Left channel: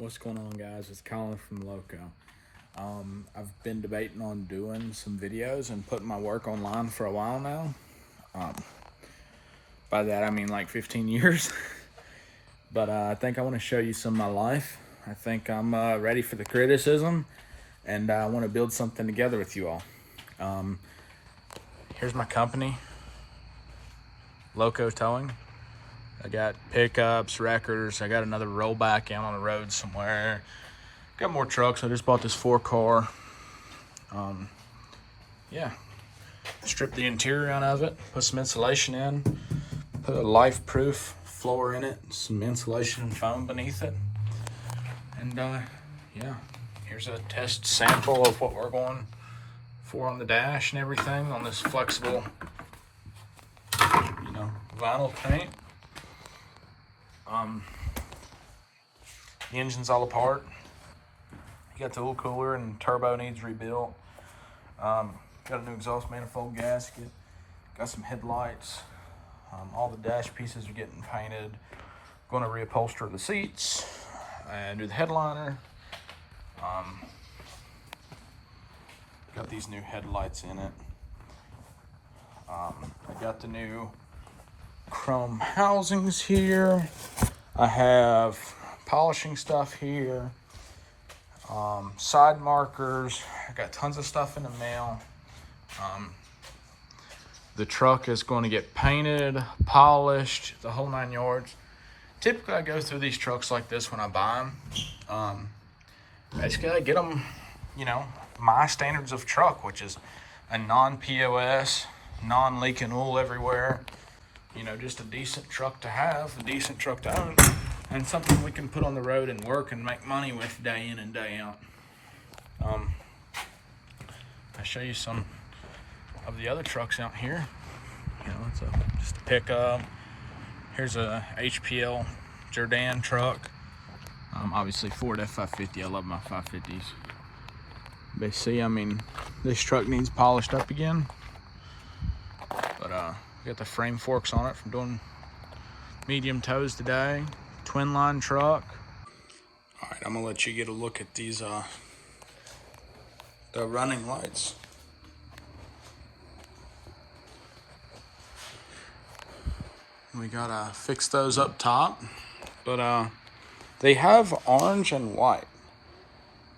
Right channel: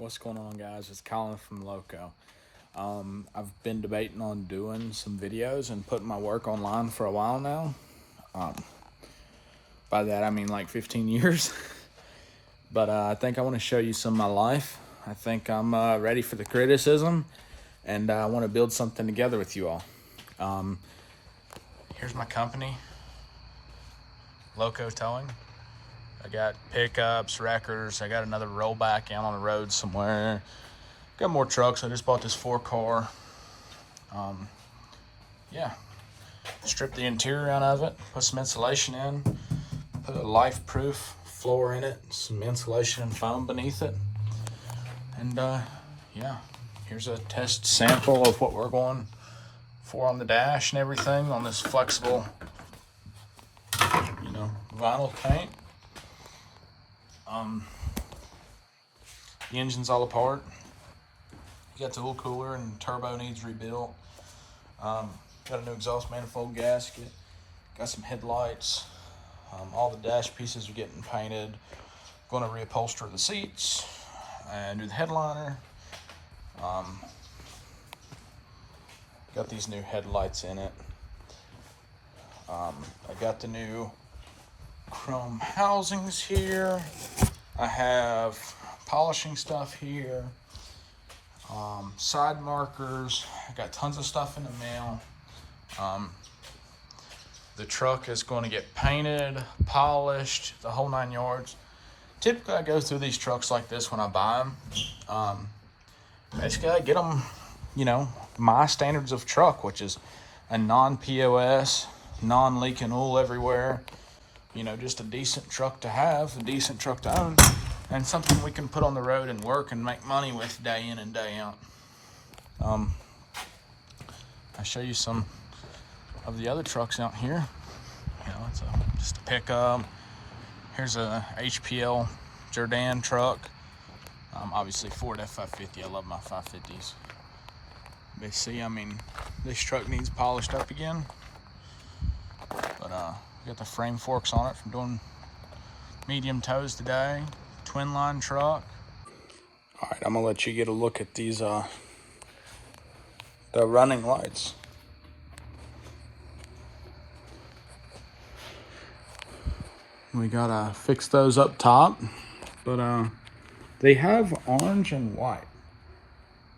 What's going on, guys? It's Colin from Loco. I've been debating on doing some videos and putting my work online for a while now. By that I mean like 15 years. But I think I want to show you some of my life. I think I'm ready for the criticism, and I want to build something together with you all. Here's my company, Loco Towing. I got pickups, wreckers. I got another rollback out on the road somewhere. Got more trucks. I just bought this 4-car. Yeah. Stripped the interior out of it. Put some insulation in. Put a life-proof floor in it. Some insulation and foam beneath it. And yeah, here's a test sample of what we're going for on the dash and everything on this flexible, vinyl paint. The engine's all apart. You got the oil cooler and turbo needs rebuilt. Got a new exhaust manifold gasket. Got some headlights. All the dash pieces are getting painted. Going to reupholster the seats and do the headliner. Got these new headlights in it. I got the new chrome housings here. I have polishing stuff here, side markers. I got tons of stuff in the mail. The truck is going to get painted, polished, the whole 9 yards. Typically I go through these trucks like this when I buy them. Basically I get them, my standards of truck, which is a non-POS, non-leaking oil everywhere, just a decent truck to have, a decent truck to own, and something we can put on the road and work and make money with day in and day out. I'll show you some of the other trucks out here. It's just a pickup. Here's a HPL Jordan truck. Obviously Ford F550. I love my 550s. But see, this truck needs polished up again. But we got the frame forks on it from doing medium tows today. Twin line truck. All right, I'm gonna let you get a look at these the running lights. We gotta fix those up top, but they have orange and white,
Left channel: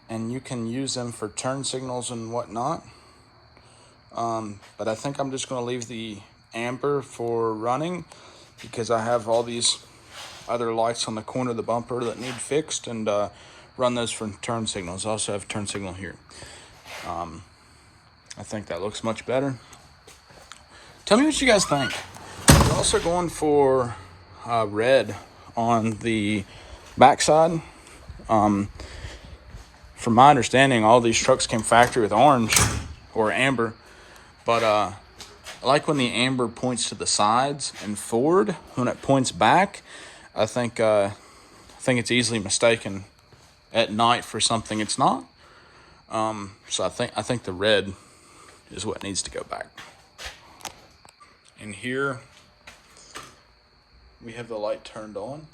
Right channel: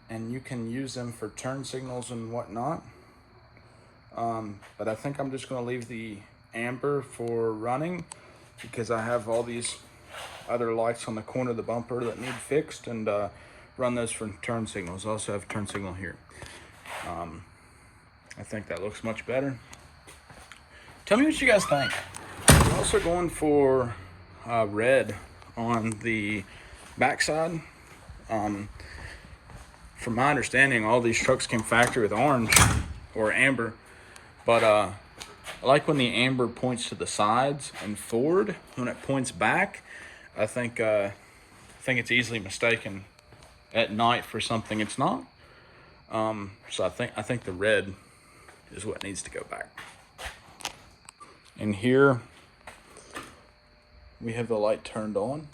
and you can use them for turn signals and whatnot. But I think I'm just gonna leave the amber for running, because I have all these other lights on the corner of the bumper that need fixed, and run those for turn signals. I also have turn signal here. I think that looks much better. Tell me what you guys think. We're also going for red on the backside. From my understanding, all these trucks came factory with orange or amber, but I like when the amber points to the sides and forward. When it points back, I think it's easily mistaken at night for something it's not. So I think the red is what needs to go back. And here we have the light turned on.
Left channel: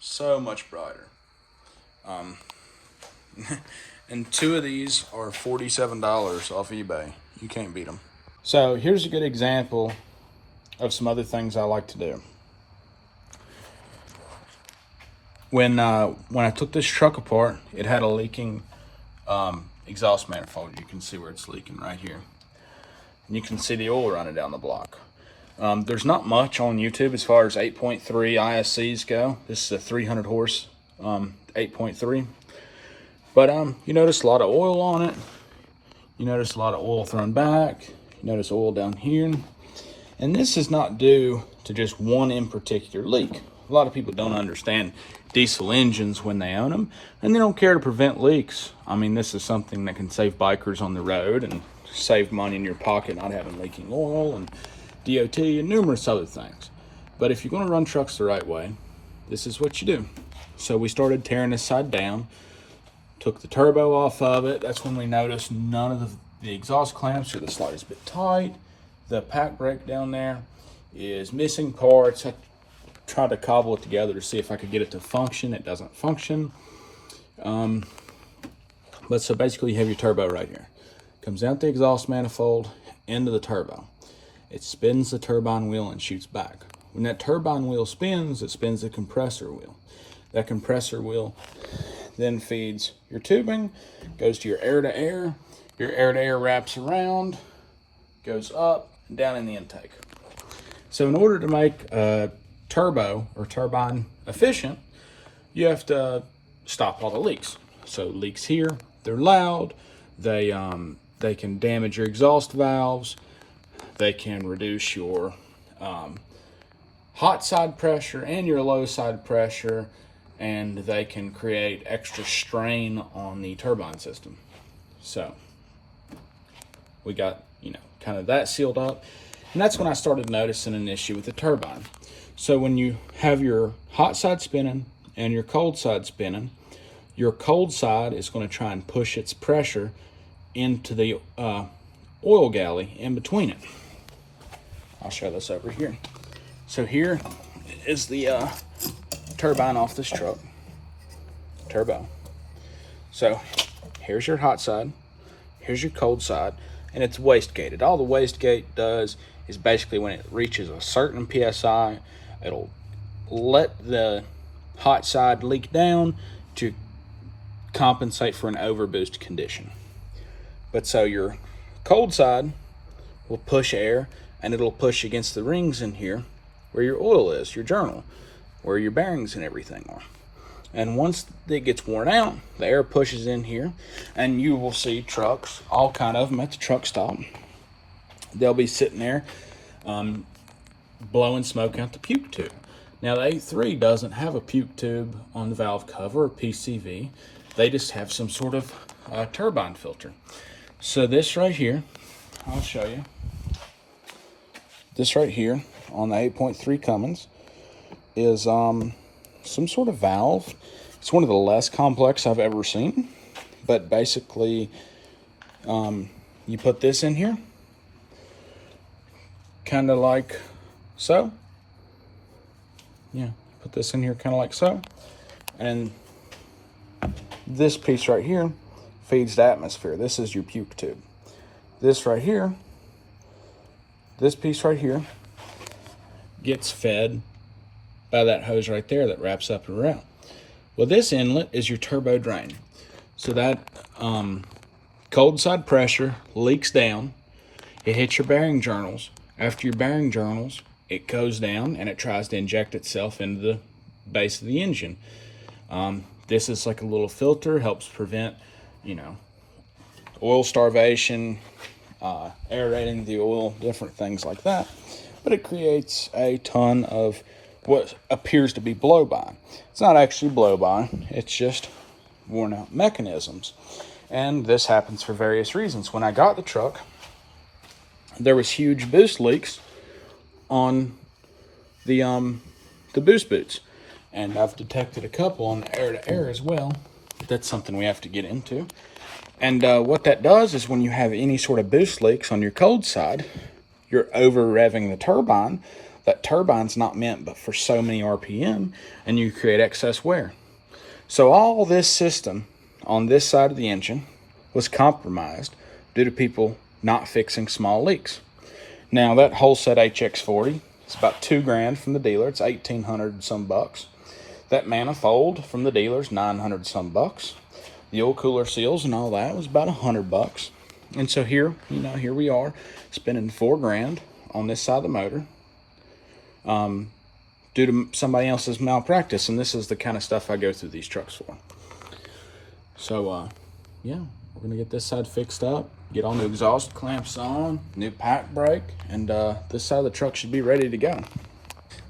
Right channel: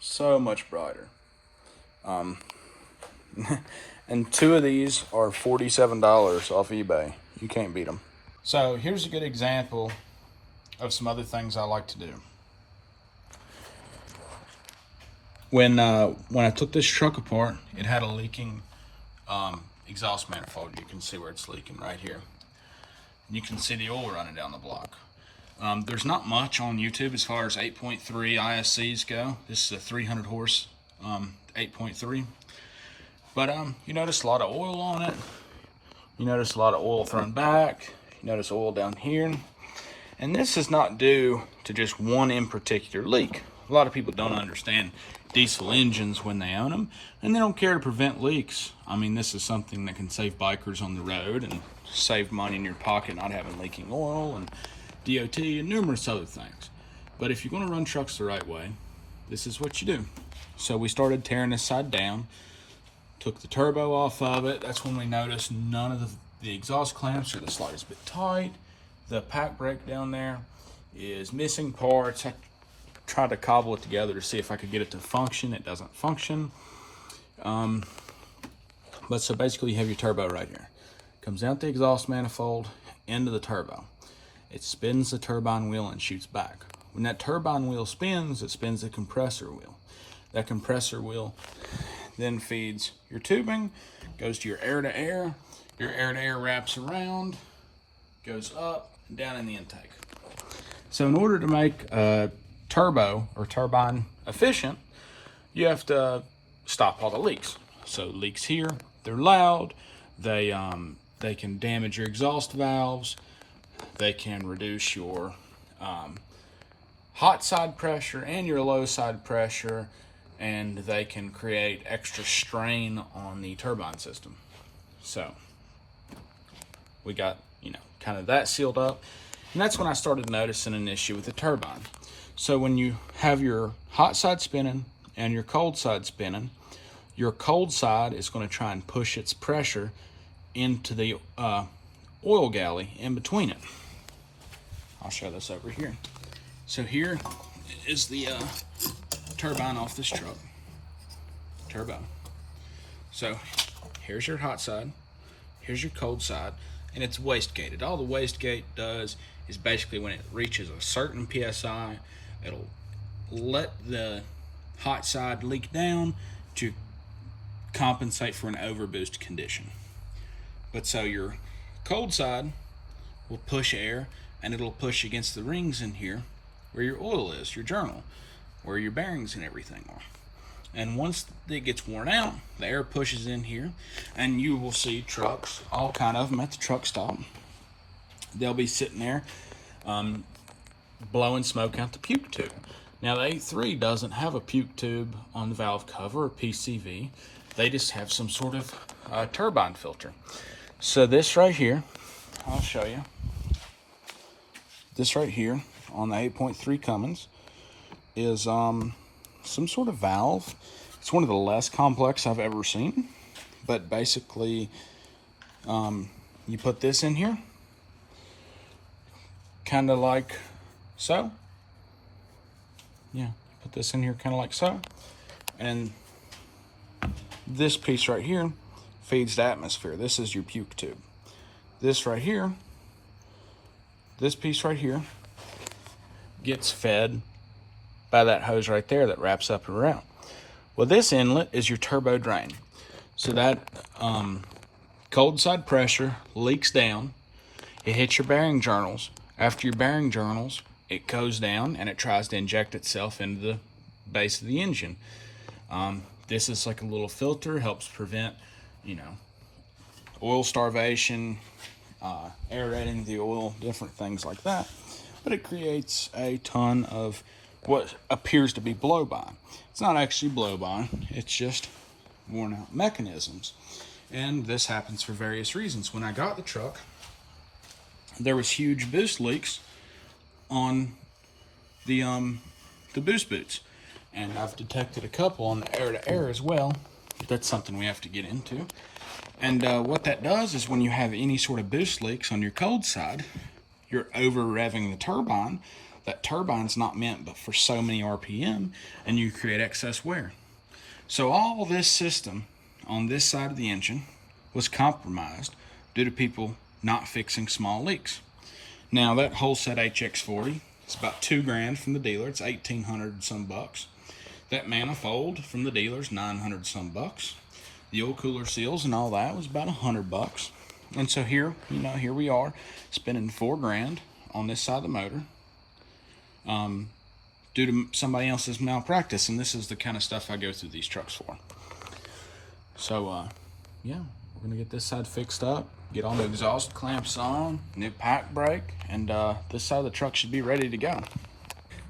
So much brighter. And 2 of these are $47 off eBay. You can't beat them. So here's a good example of some other things I like to do. When I took this truck apart, it had a leaking exhaust manifold. You can see where it's leaking right here. And you can see the oil running down the block. There's not much on YouTube as far as 8.3 ISCs go. This is a 300 horse 8.3. But you notice a lot of oil on it. You notice a lot of oil thrown back. You notice oil down here. And this is not due to just one in particular leak. A lot of people don't understand diesel engines when they own them, and they don't care to prevent leaks. This is something that can save bikers on the road and save money in your pocket not having leaking oil and DOT and numerous other things. But if you're going to run trucks the right way, this is what you do. So we started tearing this side down, took the turbo off of it. That's when we noticed none of the exhaust clamps are the slightest bit tight. The pack brake down there is missing parts. tried to cobble it together to see if I could get it to function. It doesn't function. But so basically you have your turbo right here. Comes out the exhaust manifold into the turbo. It spins the turbine wheel and shoots back. When that turbine wheel spins, it spins the compressor wheel. That compressor wheel then feeds your tubing, goes to your air-to-air. Your air-to-air wraps around, goes up and down in the intake. So in order to make a turbo or turbine efficient, you have to stop all the leaks. So leaks here, they're loud. They can damage your exhaust valves. They can reduce your hot side pressure and your low side pressure, and they can create extra strain on the turbine system. So we got, kind of that sealed up. And that's when I started noticing an issue with the turbine. So when you have your hot side spinning and your cold side spinning, your cold side is going to try and push its pressure into the oil galley in between it. I'll show this over here. So here is the turbine off this truck. Turbo. So here's your hot side. Here's your cold side. And it's wastegated. All the wastegate does is basically when it reaches a certain PSI, it'll let the hot side leak down to compensate for an overboost condition. But so your cold side will push air, and it'll push against the rings in here where your oil is, your journal, where your bearings and everything are. And once it gets worn out, the air pushes in here, and you will see trucks, all kind of them at the truck stop. They'll be sitting there blowing smoke out the puke tube. Now the A3 doesn't have a puke tube on the valve cover or PCV. They just have some sort of turbine filter. So this right here, I'll show you. This right here on the 8.3 Cummins is some sort of valve. It's one of the less complex I've ever seen, but basically you put this in here kind of like so. Yeah, put this in here kind of like so, and this piece right here feeds the atmosphere. This is your puke tube. This right here, this piece right here gets fed by that hose right there that wraps up and around. Well, this inlet is your turbo drain. So that cold side pressure leaks down. It hits your bearing journals. After your bearing journals, it goes down and it tries to inject itself into the base of the engine. This is like a little filter, helps prevent, oil starvation, aerating the oil, different things like that. But it creates a ton of what appears to be blow-by. It's not actually blow-by, it's just worn out mechanisms. And this happens for various reasons. When I got the truck, there was huge boost leaks on the boost boots. And I've detected a couple on the air-to-air as well. That's something we have to get into. And what that does is when you have any sort of boost leaks on your cold side, you're over-revving the turbine. That turbine's not meant but for so many RPM, and you create excess wear. So all this system on this side of the engine was compromised due to people not fixing small leaks. Now that whole set HX40 is about $2,000 from the dealer. It's 1,800 some bucks. That manifold from the dealer's 900 some bucks. The oil cooler seals and all that was about 100 bucks. And so here, here we are spending $4,000 on this side of the motor due to somebody else's malpractice. And this is the kind of stuff I go through these trucks for. So, yeah, we're going to get this side fixed up, get all new exhaust clamps on, new pack brake, and this side of the truck should be ready to go.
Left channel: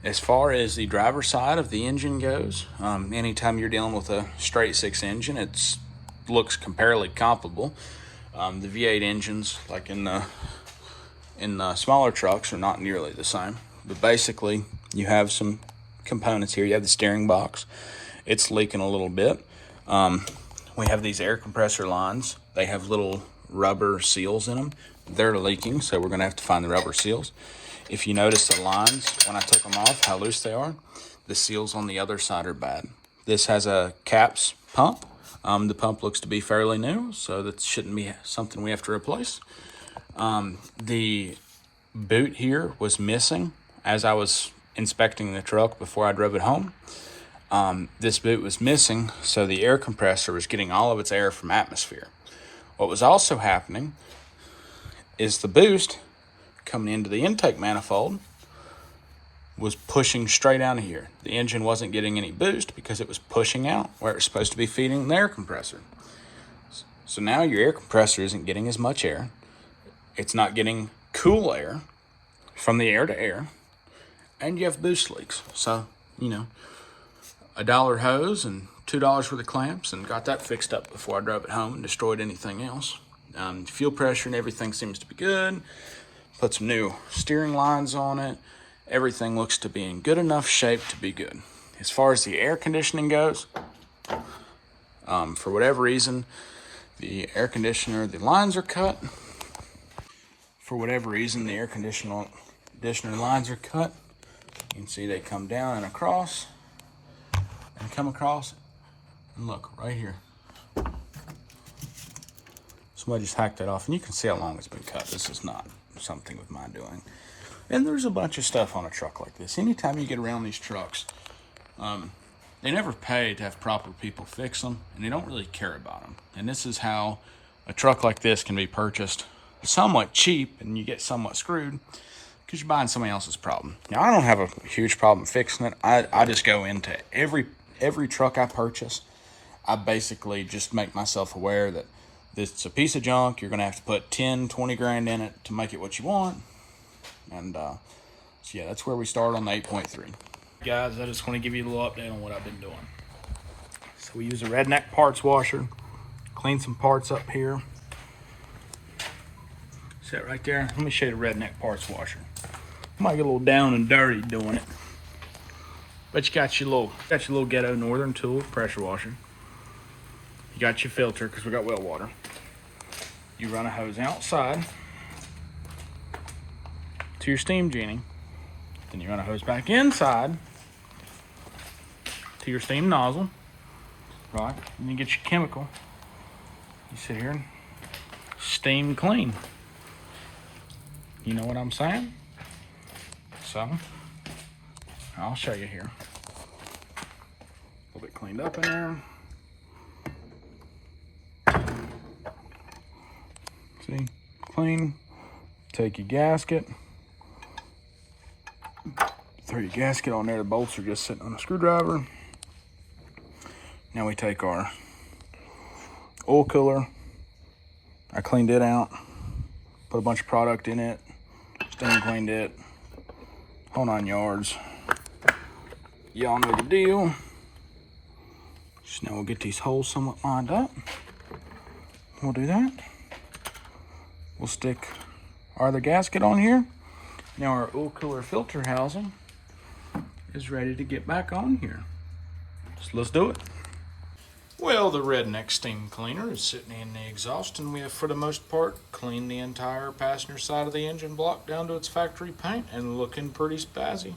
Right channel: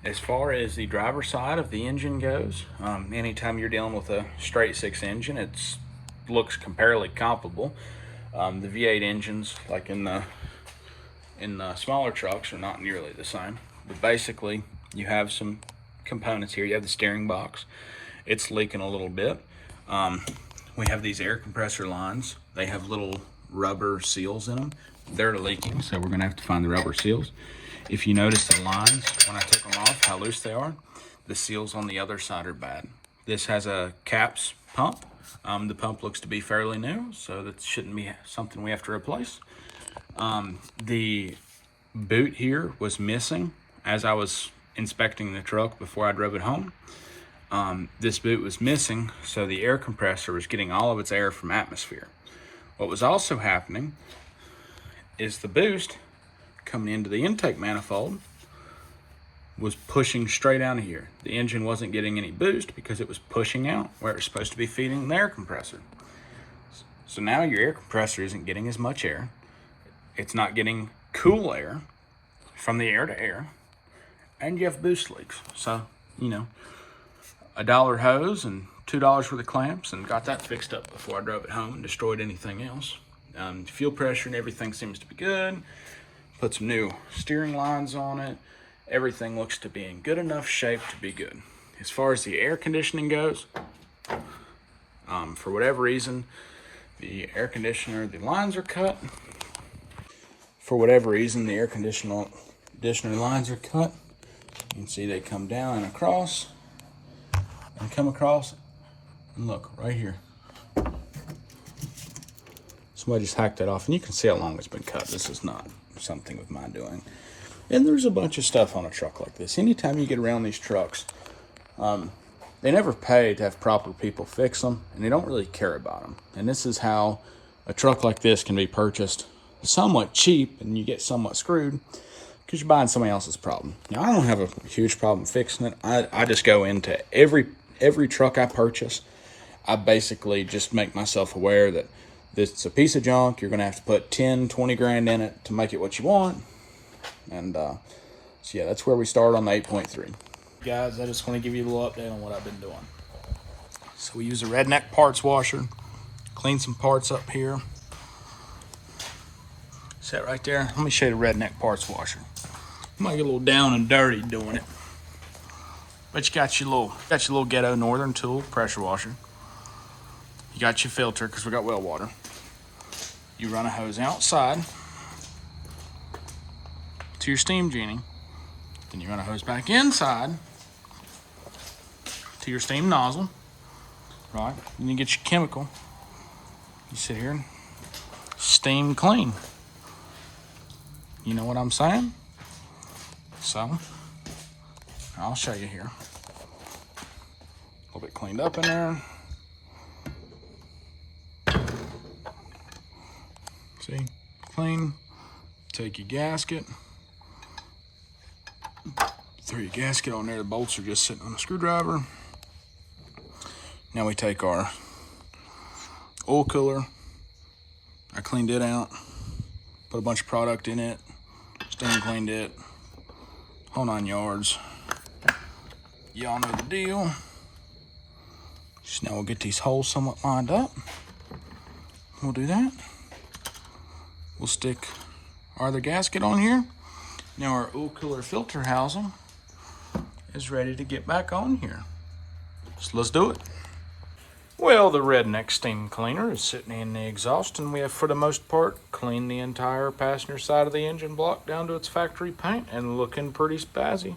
As far as the driver's side of the engine goes, anytime you're dealing with a straight six engine, it looks comparably comparable. The V8 engines, like in the smaller trucks, are not nearly the same. But basically, you have some components here. You have the steering box. It's leaking a little bit. We have these air compressor lines. They have little rubber seals in them. They're leaking, so we're going to have to find the rubber seals. If you notice the lines, when I took them off, how loose they are, the seals on the other side are bad. This has a caps pump. The pump looks to be fairly new, so that shouldn't be something we have to replace. The boot here was missing as I was inspecting the truck before I drove it home. This boot was missing, so the air compressor was getting all of its air from atmosphere. What was also happening is the boost coming into the intake manifold was pushing straight out of here. The engine wasn't getting any boost because it was pushing out where it was supposed to be feeding the air compressor. So now your air compressor isn't getting as much air. It's not getting cool air from the air to air, and you have boost leaks. So, you know, $1 hose and $2 worth of clamps, and got that fixed up before I drove it home and destroyed anything else. Fuel pressure and everything seems to be good. Put some new steering lines on it. Everything looks to be in good enough shape to be good. As far as the air conditioning goes, for whatever reason, the air conditioner, the lines are cut. For whatever reason, the air conditioner lines are cut. You can see they come down and across, and come across, and look, right here. Somebody just hacked that off, and you can see how long it's been cut. This is not something with my doing. And there's a bunch of stuff on a truck like this. Anytime you get around these trucks, they never pay to have proper people fix them, and they don't really care about them. And this is how a truck like this can be purchased somewhat cheap, and you get somewhat screwed because you're buying somebody else's problem. Now, I don't have a huge problem fixing it. I just go into every truck I purchase. I basically just make myself aware that it's a piece of junk. You're going to have to put 10, 20 grand in it to make it what you want. And so yeah, that's where we start on the 8.3. Guys, I just want to give you a little update on what I've been doing. So we use a redneck parts washer, clean some parts up here. Set right there. Let me show you the redneck parts washer. You might get a little down and dirty doing it, but you got your little ghetto northern tool pressure washer. You got your filter because we got well water. You run a hose outside to your steam genie. Then you run a hose back inside to your steam nozzle, right? Then you get your chemical. You sit here and steam clean. You know what I'm saying? So, I'll show you here. A little bit cleaned up in there. See, clean. Take your gasket. Throw your gasket on there. The bolts are just sitting on a screwdriver. Now we take our oil cooler. I cleaned it out. Put a bunch of product in it. Steam cleaned it. Whole 9 yards. Y'all know the deal. So now we'll get these holes somewhat lined up. We'll do that. We'll stick our other gasket on here. Now our oil cooler filter housing is ready to get back on here. So let's do it. Well, the redneck steam cleaner is sitting in the exhaust, and we have, for the most part, cleaned the entire passenger side of the engine block down to its factory paint and looking pretty spazzy.